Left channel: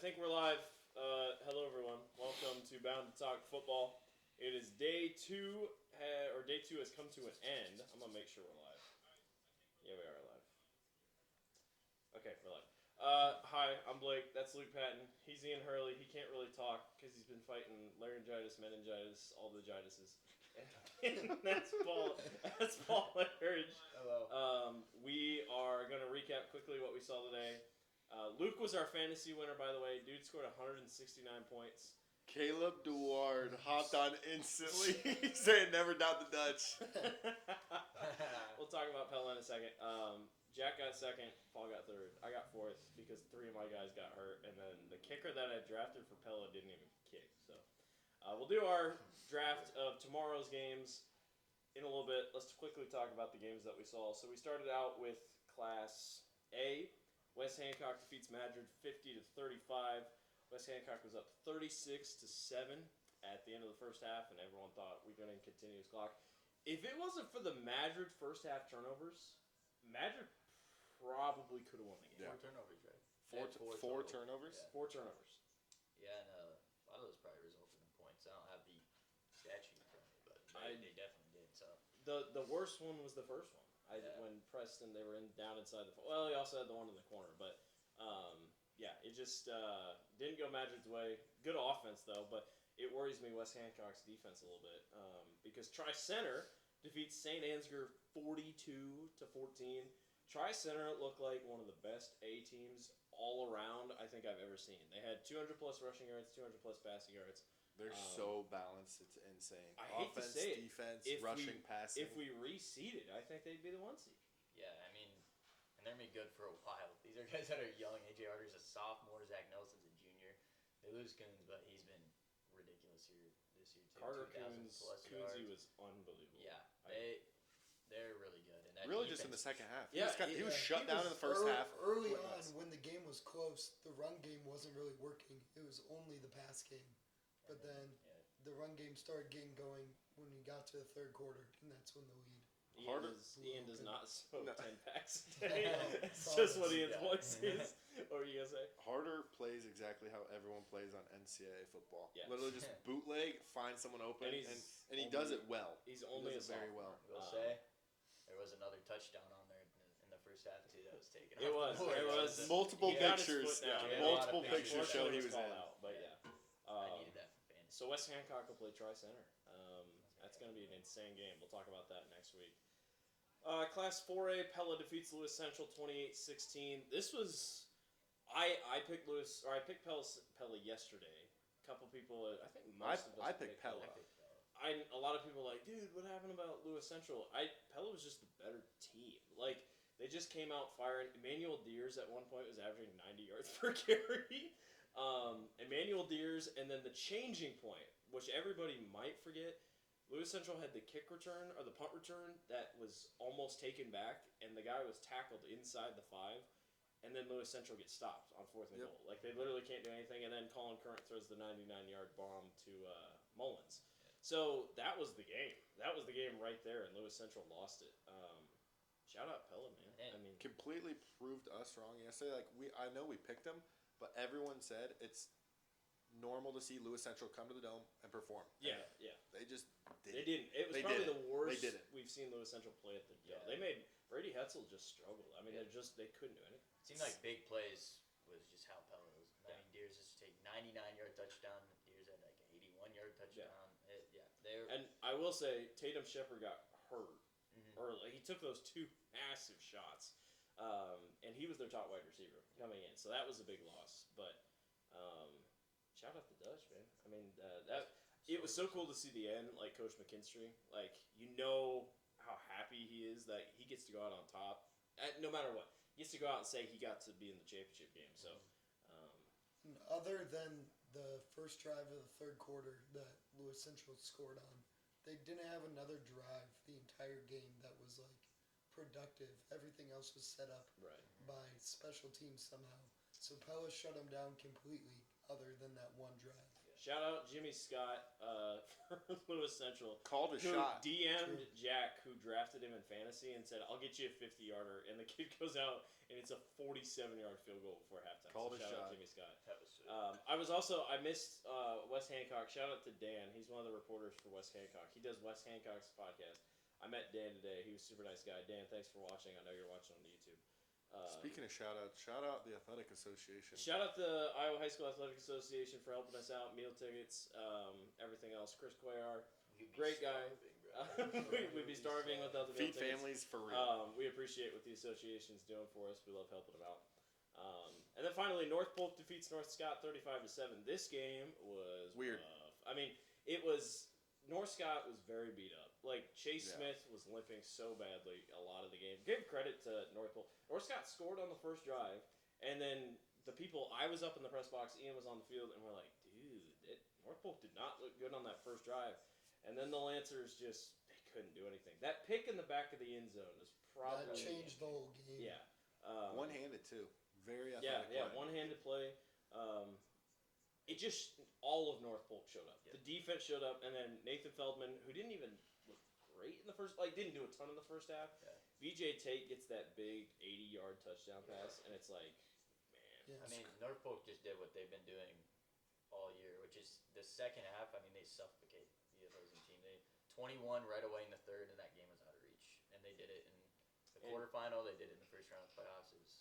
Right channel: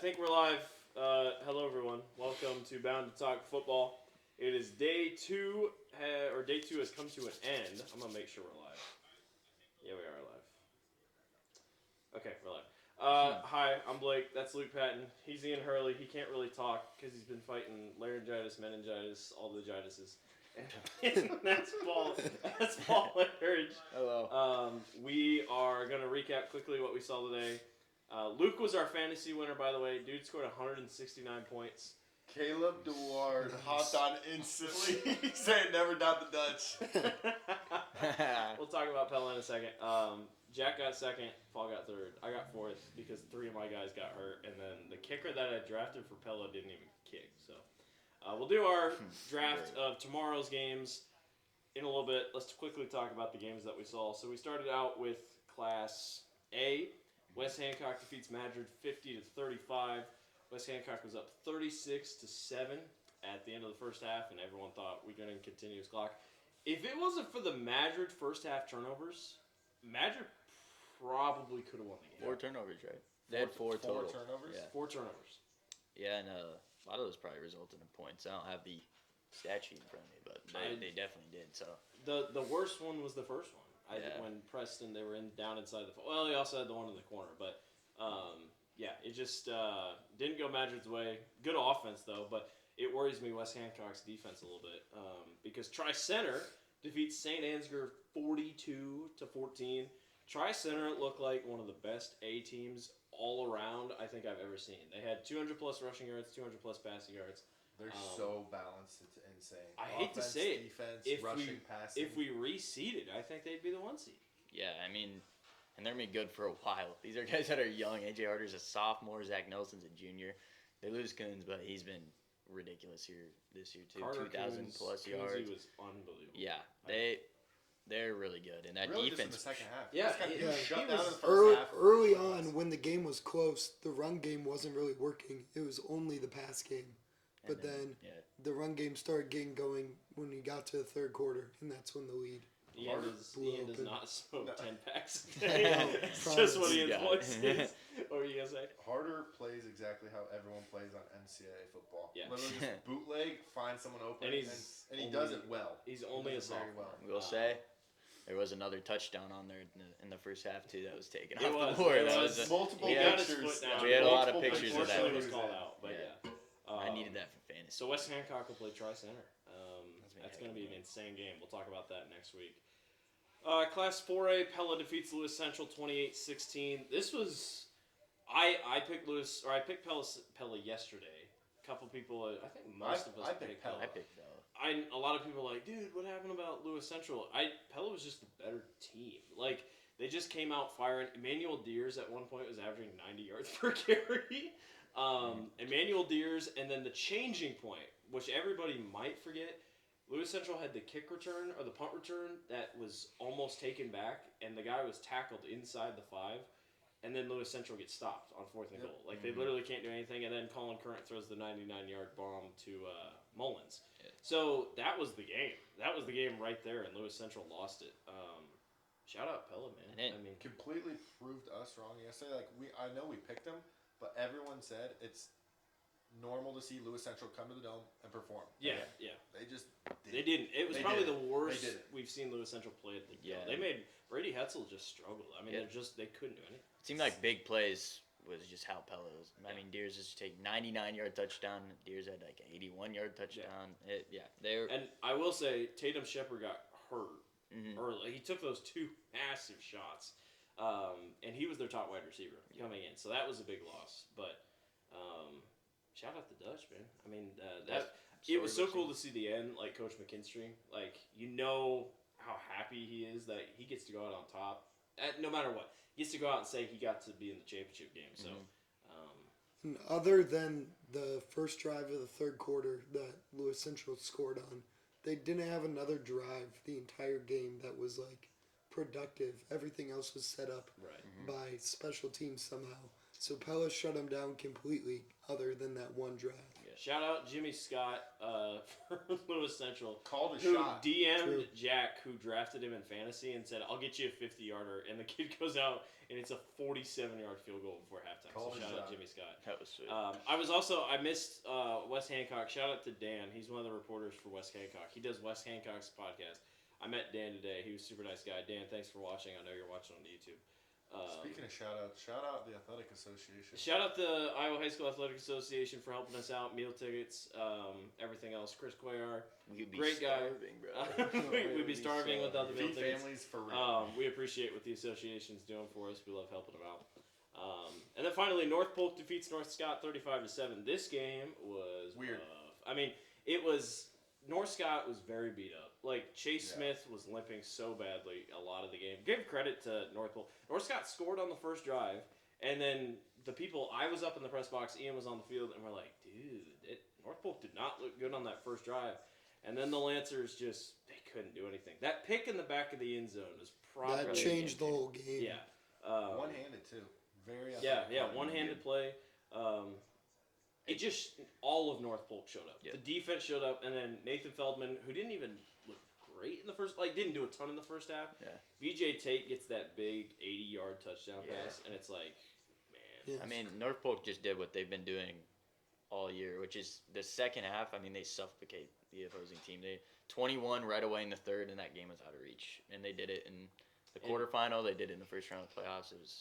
I think we're live. Hello, everyone. Welcome to Bound to Talk Football. It is day two, or day two has come to an end. I'm gonna make sure we're live. Yeah, we are live. Okay, we're live. Hi, I'm Blake. That's Luke Patton. He's Ian Hurley. He can't really talk because he's been fighting laryngitis, meningitis, all the jitises. And that's Paul. That's Paul Hurridge. Hello. We are gonna recap quickly what we saw today. Luke was our fantasy winner, by the way. Dude scored 169 points. Caleb DeWard hopped on instantly. He said never doubt the Dutch. We'll talk about Pella in a second. Jack got second. Paul got third. I got fourth because three of my guys got hurt. And then the kicker that I drafted for Pella didn't even kick. So we'll do our draft of tomorrow's games in a little bit. Let's quickly talk about the games that we saw. So we started out with Class A. West Hancock defeats Madrid 50-35. West Hancock was up 36-7 at the end of the first half, and everyone thought we're going to continuous clock. If it wasn't for the Madrid first half turnovers, Madrid probably could have won the game. 4 turnovers, right? They had 4 total. 4 turnovers? Yeah. 4 turnovers. Yeah, and a lot of those probably resulted in points. I don't have the stat sheet in front of me, but they definitely did. So the worst one was the first one. When Preston, they were down inside the... Well, he also had the one in the corner, but... yeah, it just didn't go Madrid's way. Good offense, though, but it worries me West Hancock's defense a little bit because Tri-Center defeats St. Ansgar 42-14. Tri-Center looked like one of the best A teams all around I think I've ever seen. They had 200-plus rushing yards, 200-plus passing yards. They're so balanced, it's insane. I hate to say it. Defense, if rushing, passing. If we reseeded, I think they'd be the 1 seed. yeah, I mean, and they're gonna be good for a while. These are guys that are young. AJ Harder's a sophomore. Zach Nelson's a junior. They lose Coons, but he's been ridiculous this year too. Carter 2,000 plus Coons, yards. He was unbelievable. Yeah, they're really good, and that really defense. just in the second half. Yeah, he was shut he down was in the first half. early on when the game was close. The run game wasn't really working. It was only the pass game. But then the run game started getting going when we got to the third quarter, and that's when the lead. Ian does not smoke 10 packs a No, day. It's just what Ian's Yeah. voice is. What were you going to say? Harder plays exactly how everyone plays on NCAA football. Yeah. Literally just bootleg, find someone open, And and he does it well. He's He only a does it very sophomore. well. We'll say there was another touchdown on there in the first half too that was taken It off was. the board. It That was was multiple He got his pictures. foot down. We had a lot of Multiple pictures of that. Unfortunately, one. was called out, but yeah. I needed that for fantasy. So West Hancock will play Tri-Center. That's gonna going to be an insane game. We'll talk about that next week. Class 4A, Pella defeats Lewis Central 28-16. This was... I picked Pella yesterday. A couple people, I think most of us picked Pella. I picked Bella. A lot of people are like, dude, what happened about Lewis Central? Pella was just a better team. Like, they just came out firing. Emmanuel Deers at one point was averaging 90 yards per carry. Emmanuel Deers, and then the changing point, which everybody might forget, Lewis Central had the kick return, or the punt return, that was almost taken back, and the guy was tackled inside the 5, and then Lewis Central gets stopped on 4th and goal. Like, they literally can't do anything, and then Colin Current throws the 99-yard bomb to Mullins. Yeah. So that was the game. That was the game right there, and Lewis Central lost it. Shout out Pella, man. I mean, Completely proved us wrong yesterday. I know we picked them, but everyone said it's normal to see Lewis Central come to the Dome and perform. yeah. They just They didn't. It was They probably didn't. the worst They didn't. we've seen Lewis Central play at the Yeah. They made Brady Hetzel just struggle. I mean, Yeah. they couldn't do anything. It seemed like big plays was just how Pella was. I mean, Deers just take 99-yard touchdown. Deers had like an 81-yard touchdown. They were. And I will say, Tatum Shepard got hurt Mhm. early. He took those 2 massive shots, and he was their top wide receiver coming in. So that was a big loss. But shout out the Dutch, man. I mean, it was so cool to see the end, like Coach McKinstry. Like, you know how happy he is that he gets to go out on top, no matter what. He gets to go out and say he got to be in the championship game. So, And other than the first drive of the third quarter that Lewis Central scored on, they didn't have another drive the entire game that was like productive. Everything else was set up right. by special teams somehow. So Pella shut them down completely other than that one drive. Yeah, Shout out Jimmy Scott for Lewis Central. Called a Who shot. DM'd True. Jack, who drafted him in fantasy, and said, "I'll get you a 50-yarder," and the kid goes out and it's a 47-yard field goal before halftime. Called So a shout out shot. Jimmy Scott. That was sweet. I missed Wes Hancock. Shout out to Dan. He's one of the reporters for Wes Hancock. He does Wes Hancock's podcast. I met Dan today. He was a super nice guy. Dan, thanks for watching. I know you're watching on YouTube. Speaking of shout out the Athletic Association. Shout out the Iowa High School Athletic Association for helping us out, meal tickets, everything else. Chris Cuellar, We'd be great guy. starving, bro. We'd be starving without the meal Feed tickets. families for real. We appreciate what the association's doing for us. We love helping them out. And then finally, North Polk defeats North Scott 35-7. This game was Weird. rough. I mean, it was North Scott was very beat up. Like Chase Yeah. Smith was limping so badly a lot of the game. Give credit to North Polk. North Scott scored on the first drive, and then the people I was up in the press box, Ian was on the field, and we're like, dude, North Polk did not look good on that first drive. And then the Lancers they couldn't do anything. That pick in the back of the end zone was probably That changed the whole game. Yeah. One-handed too. Very. Yeah, athletic one-handed play. It just all of North Polk showed up. Yeah. The defense showed up, and then Nathan Feldman, who didn't even look great in the first, didn't do a ton in the first half. Yeah. BJ Tate gets that big 80-yard touchdown Yeah. pass, and it's like, man. Yeah. I mean, North Polk just did what they've been doing all year, which is the second half. I mean, they suffocate the opposing team. They 21 right away in the third, and that game was out of reach. And they did it in the quarterfinal. They did it in the first round of the playoffs. It was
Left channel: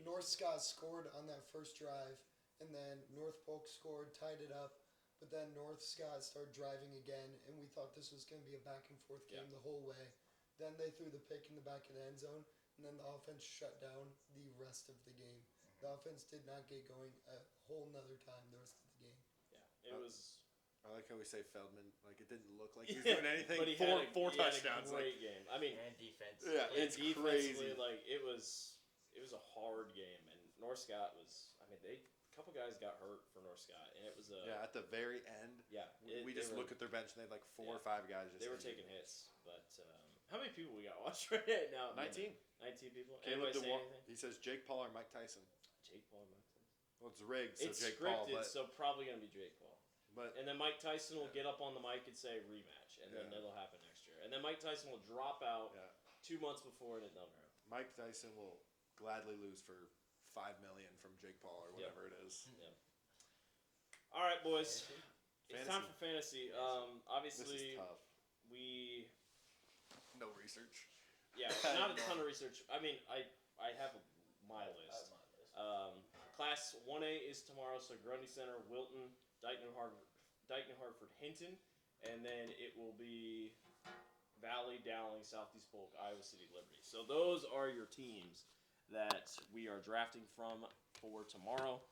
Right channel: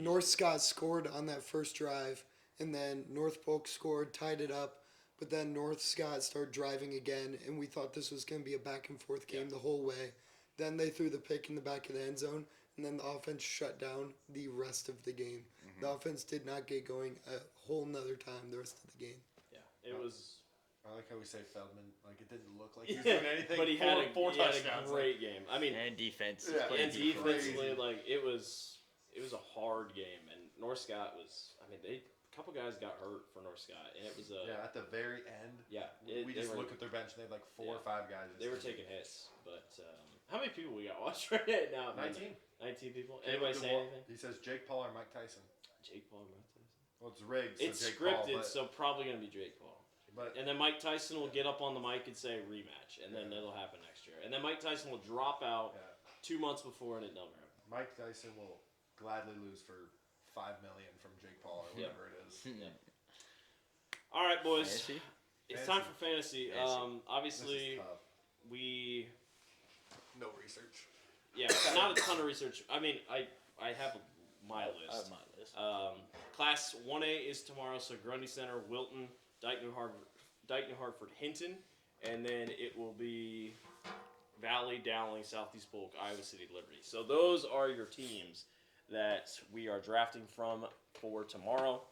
North Scott scored on that first drive, and then North Polk scored, tied it up. But then North Scott started driving again, and we thought this was going to be a back and forth game the whole way. Then they threw the pick in the back of the end zone, and then the offense shut down the rest of the game. Mm-hmm. The offense did not get going a whole nother time the rest of the game. Yeah, it was. I like how we say Feldman. Like it didn't look like he was doing anything. But he four had a touchdowns. great game. I mean, and defense. Yeah, and played it's defensively, crazy. it was a hard game, and North Scott was. I mean, a couple guys got hurt for North Scott, and it was a. Yeah, at the very end. Yeah, We just look at their bench and they had like 4 or 5 guys. They were taking hits, but how many people we got watching right now? 19. 19 people. Caleb Anybody say DeWalt. anything? He says Jake Paul or Mike Tyson. Jake Paul, Mike Tyson. Well, it's rigged. So It's Jake scripted, Paul, so probably gonna be Jake Paul. but And then Mike Tyson will get up on the mic and say rematch, and then that'll happen next year. And then Mike Tyson will drop out yeah, 2 months before, and it never happened. Mike Tyson will gladly lose for $5 million from Jake Paul or Yeah. whatever it is. Yeah. All right, boys. Fantasy? It's time for fantasy. Fantasy. Obviously, This is tough. we No research. not a ton of research. I mean, I have my I list. have my list. Class 1A is tomorrow, so Grundy Center, Wilton, Dyke New Hartford, Hinton, and then it will be Valley, Dowling, Southeast Polk, Iowa City, Liberty. So those are your teams that we are drafting from for tomorrow.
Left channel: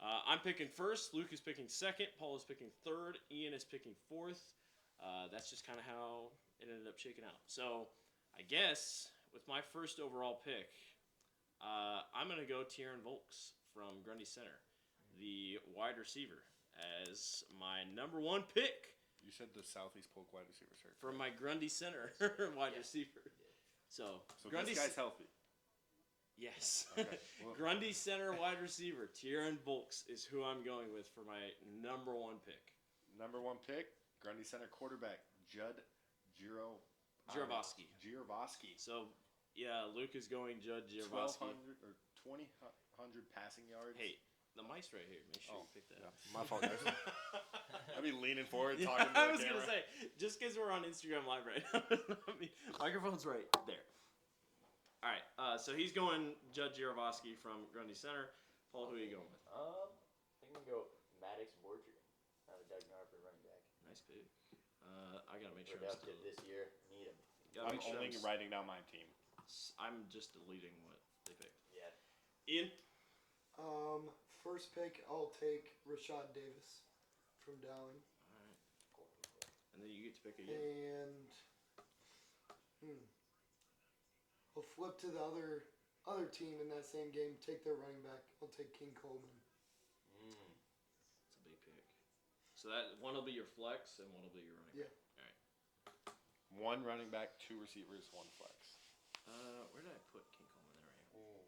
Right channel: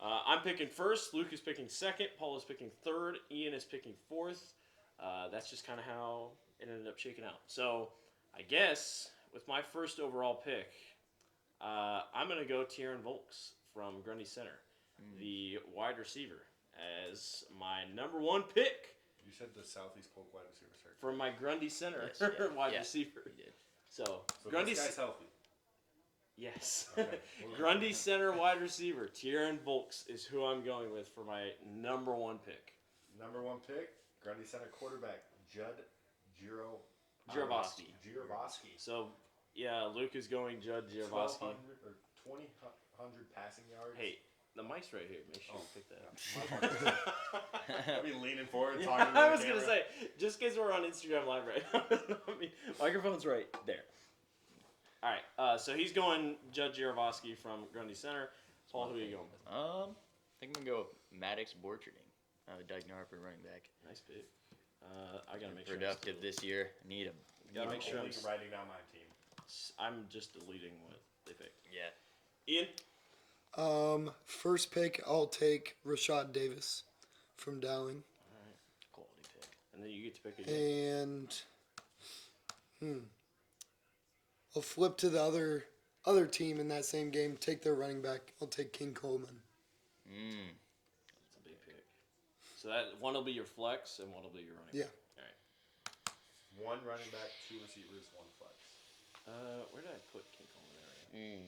I'm picking first. Luke is picking second. Paul is picking third. Ian is picking fourth. That's just kind of how it ended up shaking out. So I guess with my first overall pick, I'm going to go Tieran Volks from Grundy Center, the wide receiver, as my number one pick You said the Southeast Polk wide receiver search. from my Grundy Center wide Yeah. receiver. He did. So, So Grundy this guy's healthy. Yes. Okay. Grundy Center wide receiver, Tieran Volks is who I'm going with for my number one pick. Number 1 pick, Grundy Center quarterback, Judd Girovsky. Girovsky. So, yeah, Luke is going Judd Girovsky. 1,200 or 2,000 passing yards. Hey, the mic's right here. Make sure you pick that up. I'd be leaning forward talking to I the was going to camera. say, just because we're on Instagram Live right now, I mean, microphone's right there. All right, so he's going Judd Girovsky from Grundy Center. Paul, who are you going with? I think I'm gonna go with Maddox Borcherding, Dyke New Hartford running back. Nice pick. I got to make sure. Productive this year. Need him. Gotta I'm make sure only I'm writing down my team. I'm just deleting what they picked. Yeah. Ian? First pick, I'll take Rashad Davis from Dowling. All right. Quality pick. And then you get to pick again. And I'll flip to the other team in that same game. Take their running back. I'll take King Coleman. That's a big pick. So that one will be your flex and one will be your running Yeah. back. All right. 1 running back, 2 receivers, 1 flex. Where did I put King Coleman area?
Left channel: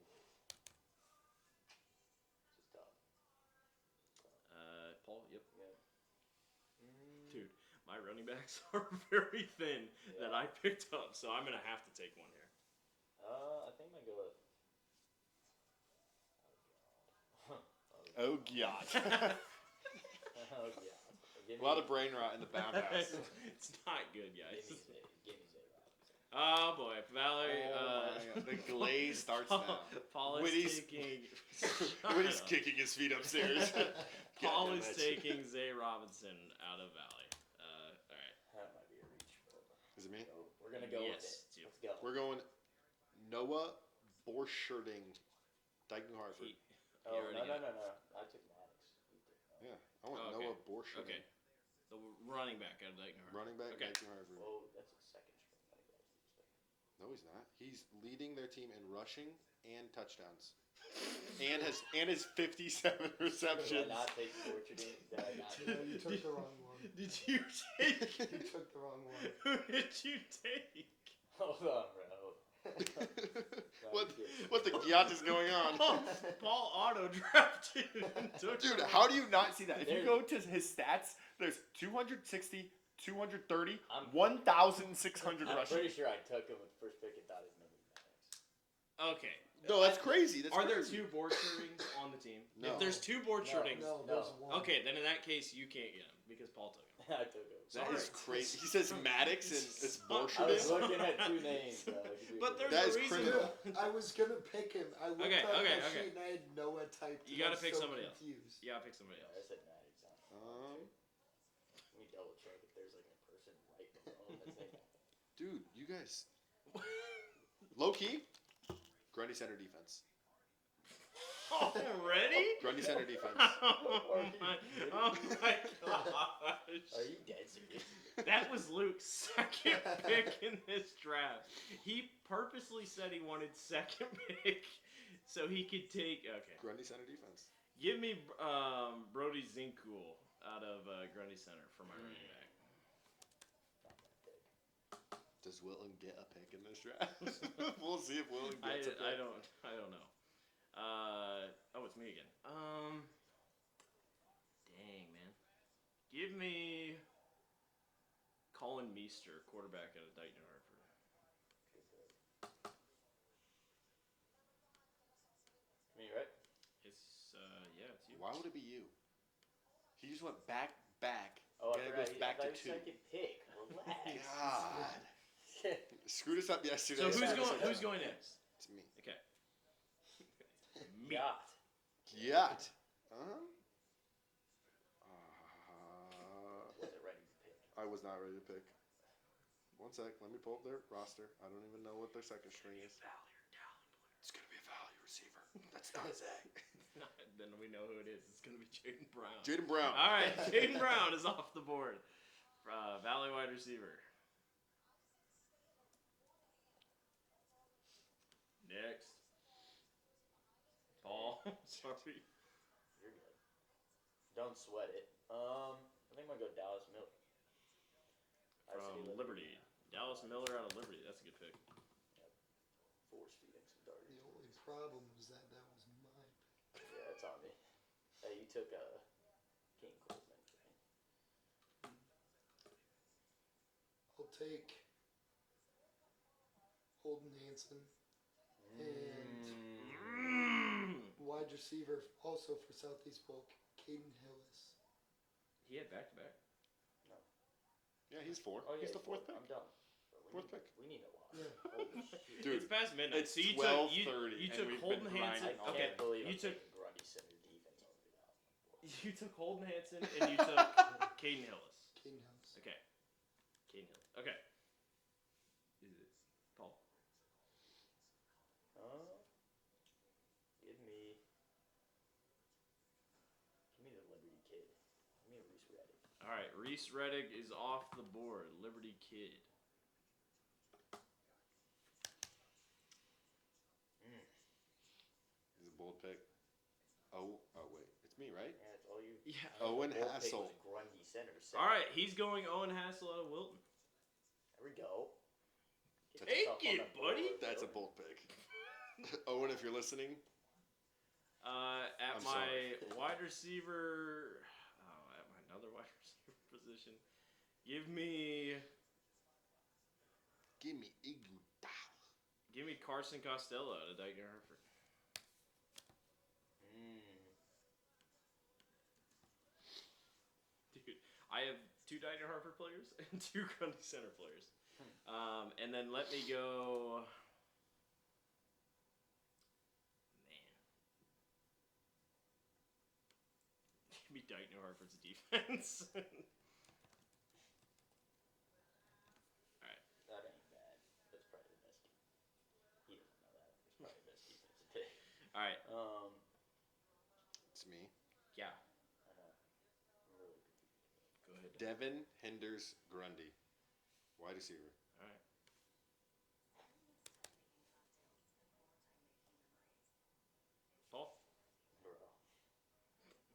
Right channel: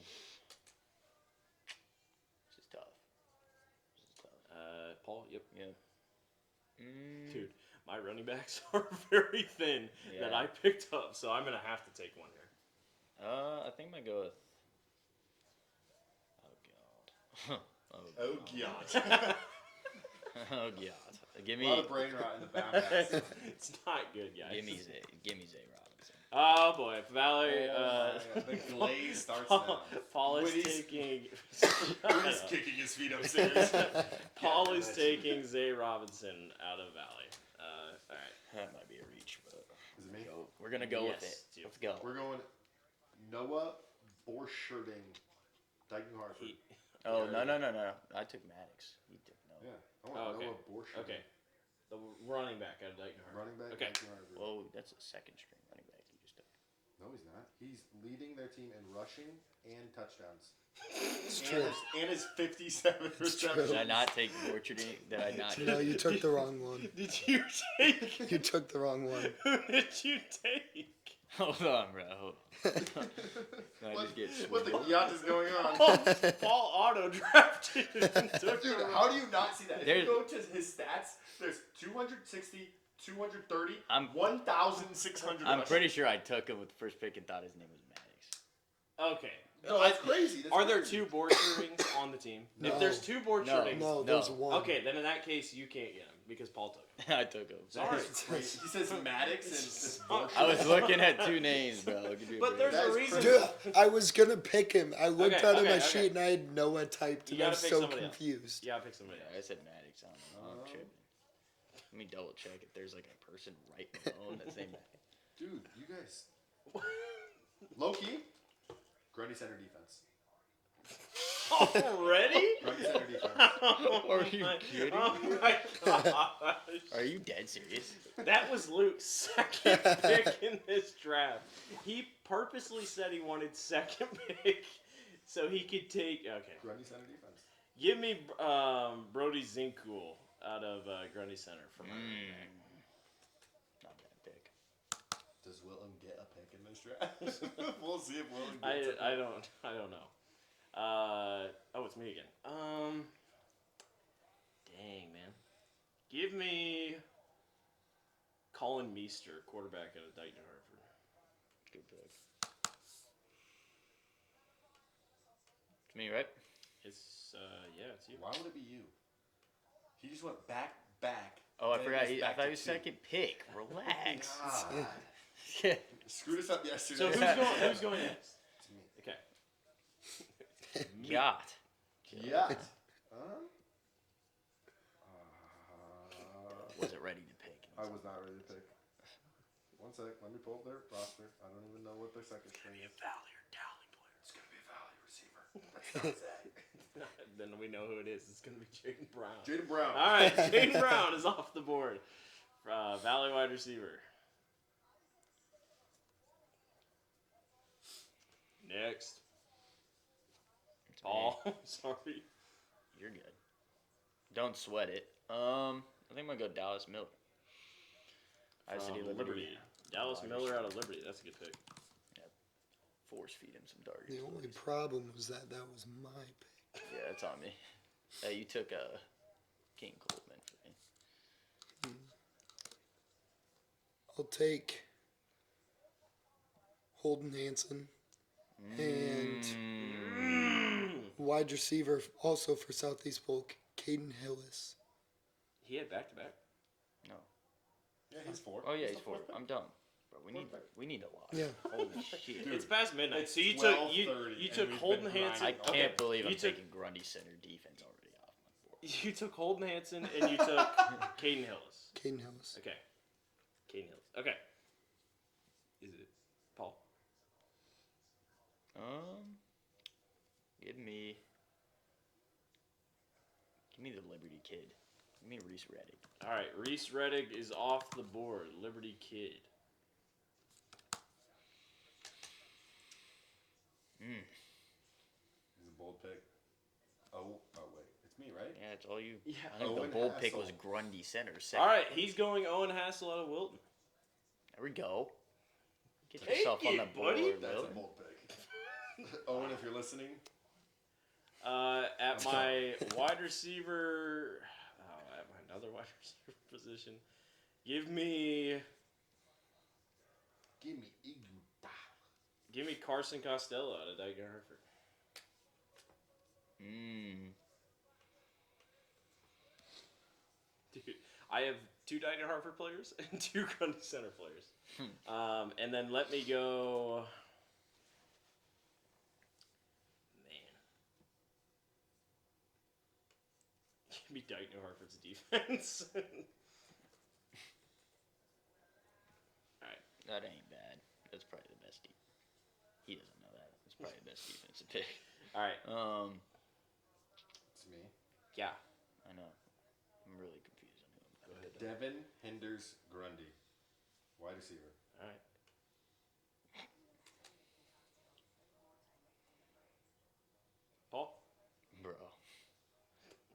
This is tough. Paul, Yep. Yeah. Dude, my running backs are very thin that I picked up, so I'm gonna have to take one here. I think I might go with. Oh god. Oh god. Give A me. lot of brain rot in the back. It's not good, guys. Give me Zay. Give me Zay Robinson. Oh boy, Valerie. The glaze starts now. Paul is Woody's- taking. Woody's kicking his feet upstairs. Paul is nice. taking Zay Robinson out of Valley. All right. That might be a reach, but Is it me? we're gonna go with Yes, it. dude. Let's go. We're going Noah Borsherding, Dyken Harvard. Oh Yeah, no! I took Maddox. He took no. Yeah, I want Oh, okay. Noah Borsherding. Okay. The running back out of Dyken Harvard. Running back, Okay. Dyken Harvard. Whoa, that's a second string running back you just took. No, he's not. He's leading their team in rushing and touchdowns. It's And true. his 57 receptions. Did I not take Borcharding? Did I not? No, you took the wrong one. Did you take? You took the wrong one. Who did you take? Hold on, bro. What the yacht is going on? Paul auto drafted and took Dude, him. how do you not see that? If There's- you go to his stats, there's 260, 230, I'm 1,600. I'm pretty sure I took him with the first pick and thought his name was Maddox. Okay. No, that's crazy. That's Are there crazy. two board shirtings on the team? No. If there's two board No. shirtings, No, there's one. okay, then in that case you can't get him because Paul took him. I took him. That Sorry. is crazy. He says Maddox and it's I was looking at two names, bro. Give me a But break. there's That a is reason. Dude, I was gonna pick him. I looked Okay, at okay, my okay. sheet and I had Noah typed, You and I gotta was pick so somebody else. confused. Yeah, I'll pick somebody Yeah, else. I said Maddox. I don't know. I'm tripping. Let me double check if there's like a person right below him that's named Maddox. Dude, you guys. Low key, Grundy center defense. Already? Grundy center defense. Are you kidding Oh me? my gosh. Are you dead serious? That was Luke's second pick in this draft. He purposely said he wanted second pick so he could take. Okay. Grundy center defense. Give me Brody Zinkul out of Grundy Center for my running back. Not bad pick. Does Wilton get a pick in this draft? We'll see if Wilton gets a pick. I don't know. Oh, it's me again. Dang, man. Give me Colin Meester, quarterback out of Dyken Hartford. Good pick. It's me, right? It's it's you. Why would it be you? He just went back. Oh, I Then forgot. it goes I back thought to he was two. second pick. Relax. God. Yeah. Screwed us up yesterday. So who's going next? It's me. Okay. God. Yeah. Wasn't ready to pick. I was not ready to pick. One sec. Let me pull up their roster. I don't even know what their second string is. Valley or Dowling player. It's gonna be a value receiver. That's not Zach. Then we know who it is. It's gonna be Jaden Brown. Jaden Brown. All right, Jaden Brown is off the board. Valley wide receiver. Next. It's me. Paul. Sorry. You're good. Don't sweat it. I think I'm gonna go Dallas Miller. From Liberty. Dallas Miller out of Liberty. That's a good pick. Force feed him some targets. The only boys. problem was that was my pick. Yeah, it's on me. Hey, you took King Coleman for me. I'll take Holden Hanson and wide receiver also for Southeast Polk, Caden Hillis. He had back to back. No. Yeah, he's four. Oh yeah, He's he's the fourth. pick. I'm done. Bro, Fourth pick. we need a lot. Yeah. Holy shit. Dude, It's past midnight. it's So you took 12:30 you and took we've Holden been Hanson. I grinding. can't believe you I'm took taking Grundy center defense already off my board. you took Holden Hanson and you took Caden Hillis. Caden Hillis. Okay. Caden Hillis. Okay. Is it Paul? Give me the Liberty kid. Give me Reese Reddick. All right, Reese Reddick is off the board. Liberty Kid. He's a bold pick. Oh wait, it's me, right? Yeah, it's all you. Yeah. I think Owen the bold pick Hassel. was Grundy center. All right, he's going Owen Hassel out of Wilton. There we go. Get Take yourself on it, the board, buddy. That's a Will. bold pick. Owen, if you're listening, At I'm my wide receiver, another wide receiver position. Give me Carson Costello out of Dyke Hartford. Dude, I have 2 Dyke Hartford players and 2 Grundy Center players. And then let me go. Man. Give me Dyke New Hartford's defense. Alright. That ain't bad. That's probably the best defense. He doesn't know that. It's probably the best defensive pick. Alright. It's me. Yeah. I know. I'm really confused on who. Go ahead. Devin Hinders Grundy, wide receiver. Alright. Paul? Bro.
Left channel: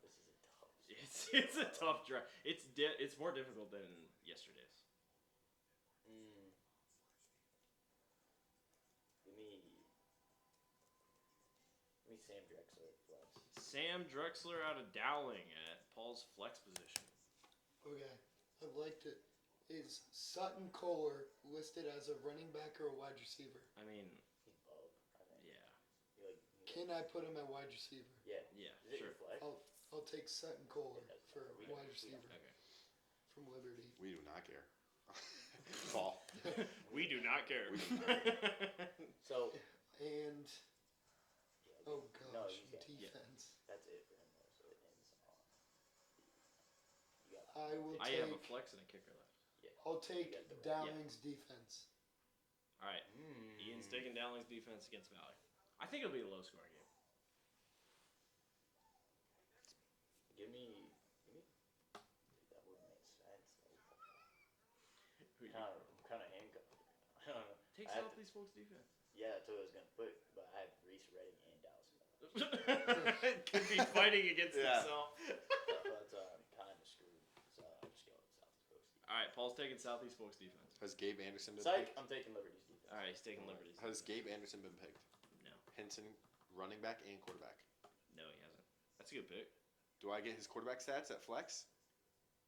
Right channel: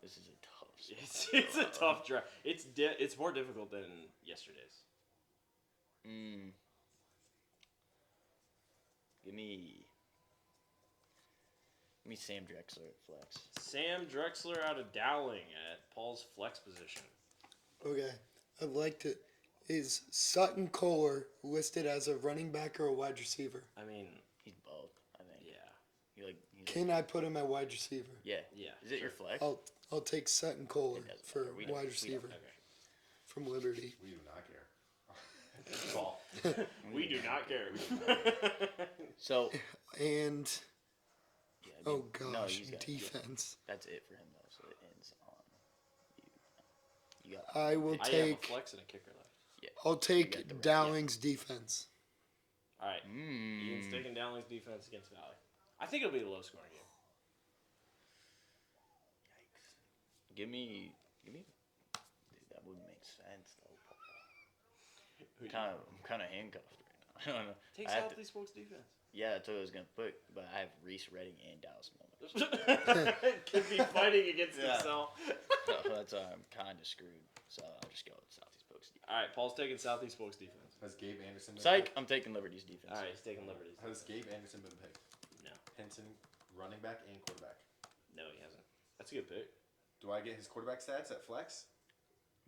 This is a tough spot. It's a tough draft. It's more difficult than yesterday's. Give me Sam Drexler at flex. Sam Drexler out of Dowling at Paul's flex position. Okay, I'd like to. Is Sutton Kohler listed as a running back or a wide receiver? I mean, He's both, I think. yeah. Can I put him at wide receiver? Yeah. Yeah. Is it sure. your flex? I'll take Sutton Kohler It doesn't for matter. We don't- wide we don't- receiver Okay. from Liberty. We do not care. Ball. We do not care. So, And yeah, oh no, gosh, he's got- defense. that's it for him, though. So it ends on you. You got I will I have a take. flex and a kicker left. I'll got take the rest, Dowling's defense. All right. Ian's taking Dowling's defense against Valley. I think it'll be a low-scoring game. Give me. Dude, that would make sense, though. I'm kind of handcuffed right now. I don't know. Take I have Southeast Folks defense. Yeah, that's what I was gonna put, but I have Reese Redding and Dallas Mullen. Could be fighting against himself. So that's why I'm kind of screwed. So I'll just go with Southeast Folks defense. All right, Paul's taking Southeast Folks defense. Has Gabe Anderson been Psych, picked? I'm taking Liberty's defense. All right, he's taking Liberties. Has Gabe Anderson been picked? No. Hinton, running back and quarterback. No, he hasn't. That's a good pick. Do I get his quarterback stats at flex?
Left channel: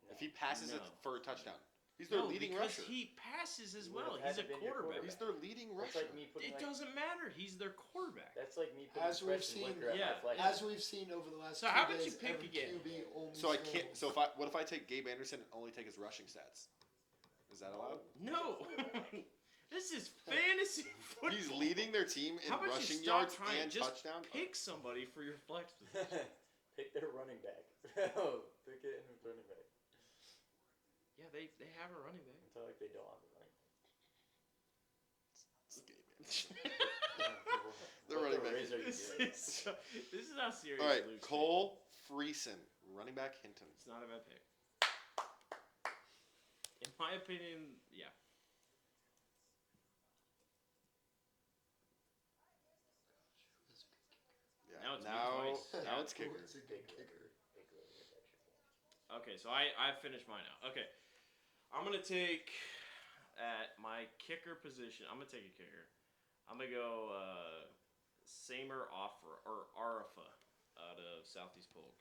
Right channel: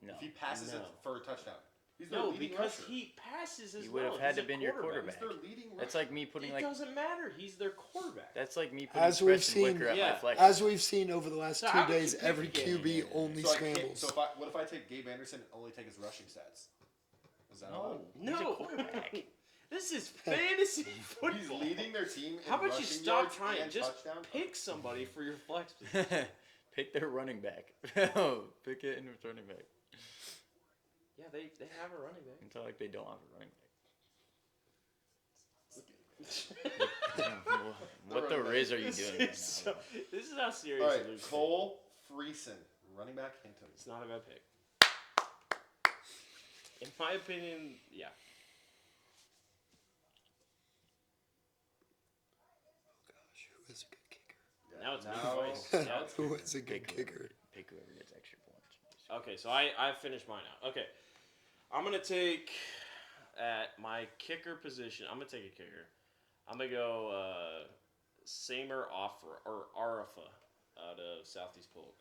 No. If he passes it No. for a touchdown. He's their No, leading because rusher. he passes as He would well. have had He's to been your He's quarterback. their leading rusher. That's like me putting It like doesn't matter. He's their quarterback. that's like me putting As we've Preston seen- Wicker at Yeah. my flex. As we've seen over the last So how 2 did you days, pick every again? QB only So I can't. scrambles. So what if I take Gabe Anderson and only take his rushing stats? Is that allowed? No. This is fantasy football. He's leading their team in How about you rushing stop yards trying? and Just touchdown. pick somebody for your flex position. Pick their running back. Pick it and returning back. Yeah, they have a running back. It's not like they don't have a running back. What the running back. riz are you doing? Right now? This is how serious All right, Luke's Cole Friesen, running back Hinton. It's not a bad pick. In my opinion, yeah. Gosh, who is a good kicker? Yeah, Now it's now, Luke's voice. now it's Who kicking. is a good kicker? Pick whoever gets extra points. Okay, so I finished mine out. Okay, I'm gonna take at my kicker position. I'm gonna take a kicker. I'm gonna go Samer Offer or Arafa out of Southeast Polk.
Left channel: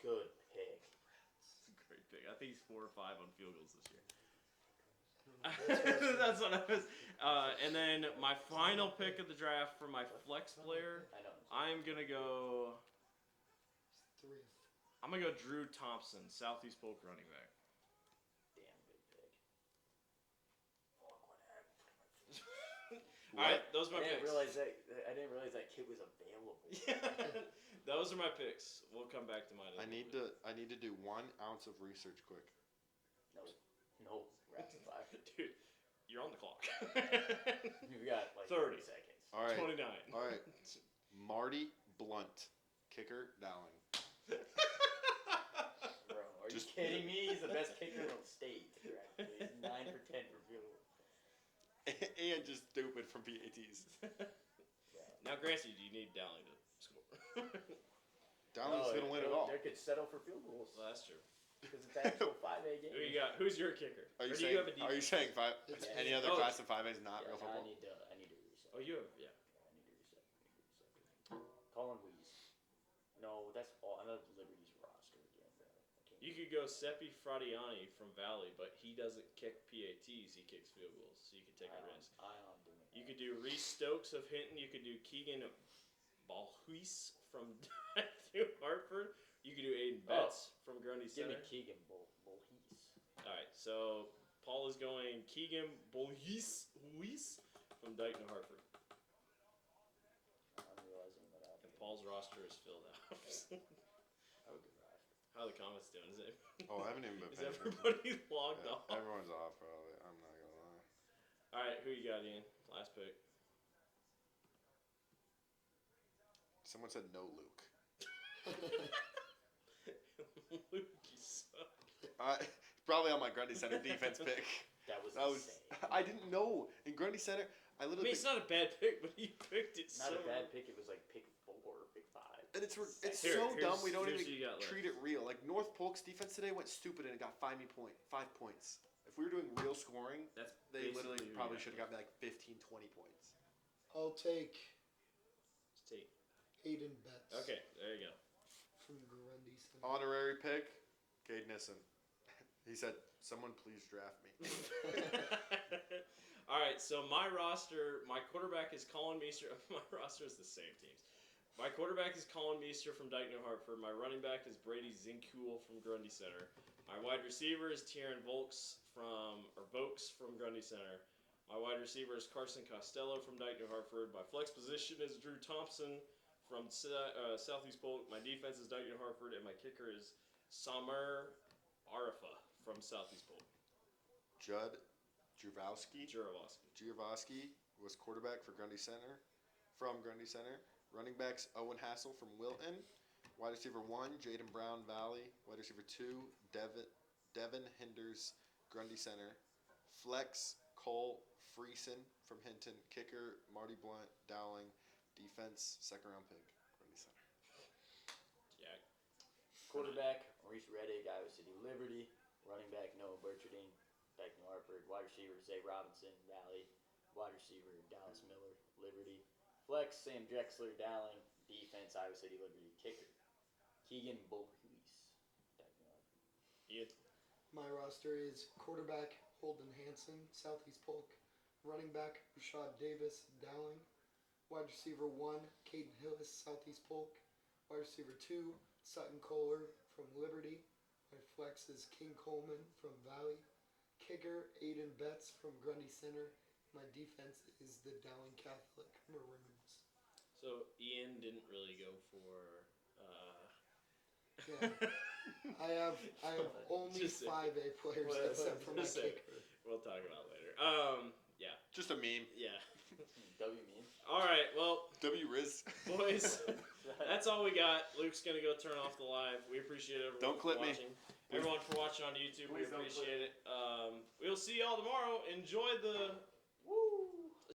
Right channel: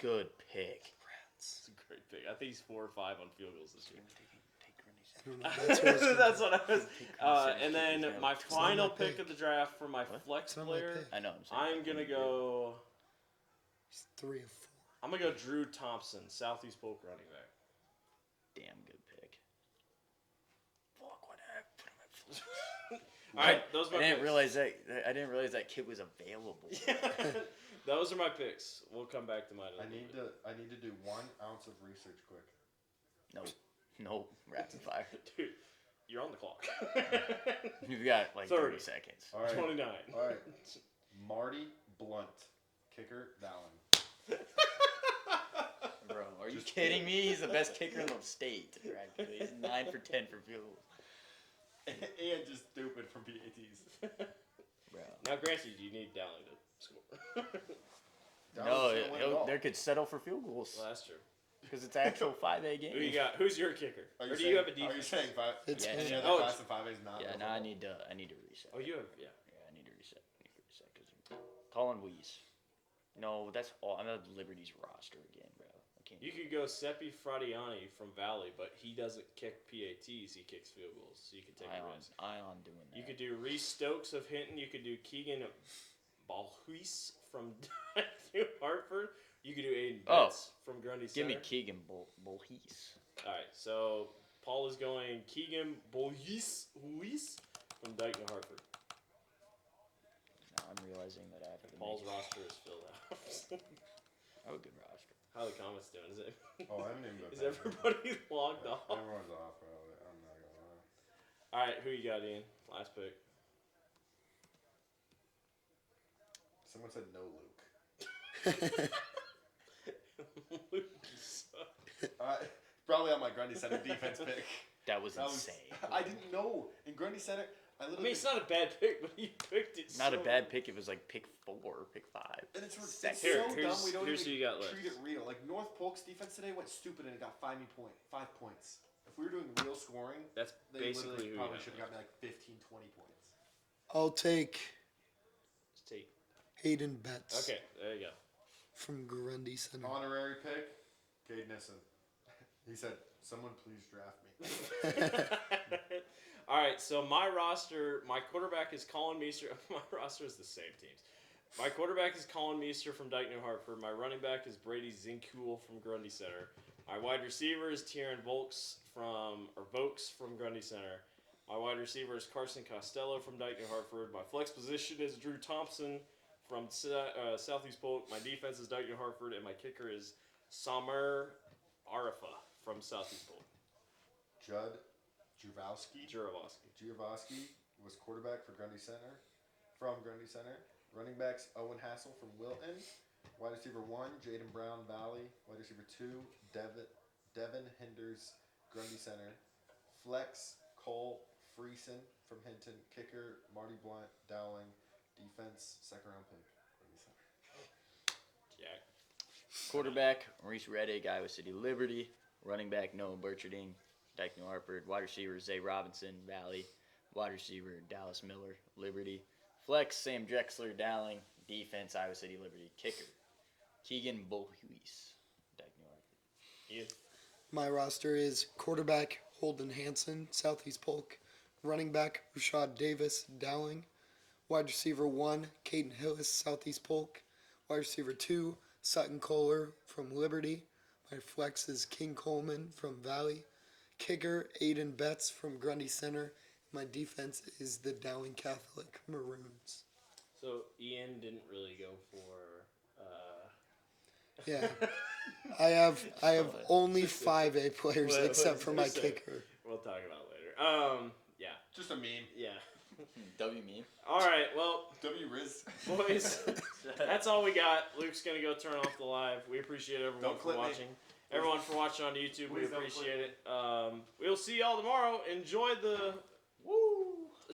Good pick. It's a great pick. I think he's 4 or 5 on field goals this year. I don't know. That's what I was gonna- That's what I was. And then my not final my pick pick. of the draft for my flex It's not my player, pick. I know. I'm gonna go. He's 3 of 4. I'm gonna go Drew Thompson, Southeast Polk running back. Damn good pick. Fuck, what did I put on my flex? All right, those are my I didn't picks. realize that kid was available. Those are my picks. We'll come back to mine. I need to do 1 ounce of research quick. No, rapid fire. Dude, you're on the clock. You've got like 30 30 seconds. All right. 29. All right. Marty Blunt, kicker, Dallin. Bro, are you Just- kidding me? He's the best kicker in the state. Right? He's 9 for 10 for field goals. And just stupid from PATs. Bro. Now, granted, you need Dowling to score. Dallin's No, gonna win it all. they could settle for field goals Well, that's true. because it's actual 5A game. Who you got? Who's your kicker? Are Or you do saying, you have a Are you defense? saying 5? It's Yeah, Any yeah. other Oh, class of 5 is not? Yeah, no no, I football? need to reset. Oh, you have, yeah. Yeah, I need to reset. Colin Weeze. No, that's all. I'm at Liberty's roster again, bro. I team. You could go Seppi Fradiani from Valley, but he doesn't kick PATs. He kicks field goals, so you could take a risk. Ion doing that. You could do Reese Stokes of Hinton. You could do Keegan Balhuis from New Hartford. You could do Aiden Betts from Grundy Give Center. me Keegan Bolhees. All right, so Paul is going Keegan Bolhuis from Dyke, New Hartford. Now I'm realizing that I have to Paul's roster is filled out. Oh, good roster. How are the comments doing? Is it? Oh, I haven't even been Is paying everybody logged attention. off? Everyone's off, probably. I'm not gonna lie. All right, who you got, Ian? Last pick. Someone said no Luke. Luke, you suck. Probably on my Grundy Center defense pick. That was insane. I didn't know. In Grundy Center, I I literally. mean, it's not a bad pick, but he picked it. Not so a bad pick. It was like pick 4, pick 5. And it's Here, so dumb we don't here's even who you got treat it real. Like North Polk's defense today went stupid and it got 5 points. If we were doing real scoring, That's they basically literally who probably you should got. have got like 15, 20 points. I'll take Just take. Hayden Betts. Okay, there you go. From Grundy Center. Honorary pick, Cade Nissen. He said, "Someone please draft me." All right, so my roster, my quarterback is Colin Meester. My roster is the same teams. My quarterback is Colin Meester from Dyke, New Hartford. My running back is Brady Zincool from Grundy Center. My wide receiver is Tieran Volks from Grundy Center. My wide receiver is Carson Costello from Dyke, New Hartford. My flex position is Drew Thompson from Southeast Polk. My defense is Dyke, New Hartford, and my kicker is Samer Arafa from Southeast Polk. Judd Jurowski Juravosky. was quarterback for Grundy Center. From Grundy Center. Running backs Owen Hassel from Wilton. Wide receiver 1, Jaden Brown, Valley. Wide receiver 2, Devin Hinders, Grundy Center. Flex, Cole Friesen from Hinton. Kicker, Marty Blunt, Dowling. Defense, second round pick, Grundy Center. Jack. Quarterback, Maurice Reddick, Iowa City Liberty. Running back, Noah Burcharding, Dyke, New Hartford. Wide receiver, Zay Robinson, Valley. Wide receiver, Dallas Miller, Liberty. Flex, Sam Drexler, Dowling. Defense, Iowa City Liberty. Kicker, Keegan Bolhuis, Dyke, New Hartford. You. My roster is quarterback Holden Hansen, Southeast Polk. Running back Rashad Davis, Dowling. Wide receiver 1, Caden Hillis, Southeast Polk. Wide receiver 2, Sutton Kohler from Liberty. My flex is King Coleman from Valley. Kicker, Aiden Betts from Grundy Center. My defense is the Dowling Catholic Maroons. So Ian didn't really go for. Yeah. I have only 5 A players What- except what for was my I gonna say? kicker. We'll talk about it later. Yeah. Just a meme. Yeah. W meme. All right. Well, W Riz. boys, that's all we got. Luke's gonna go turn off the live. We appreciate everyone Don't for clip me. watching. Everyone for watching on YouTube, we Please don't appreciate it. We'll see y'all tomorrow. Enjoy the woo.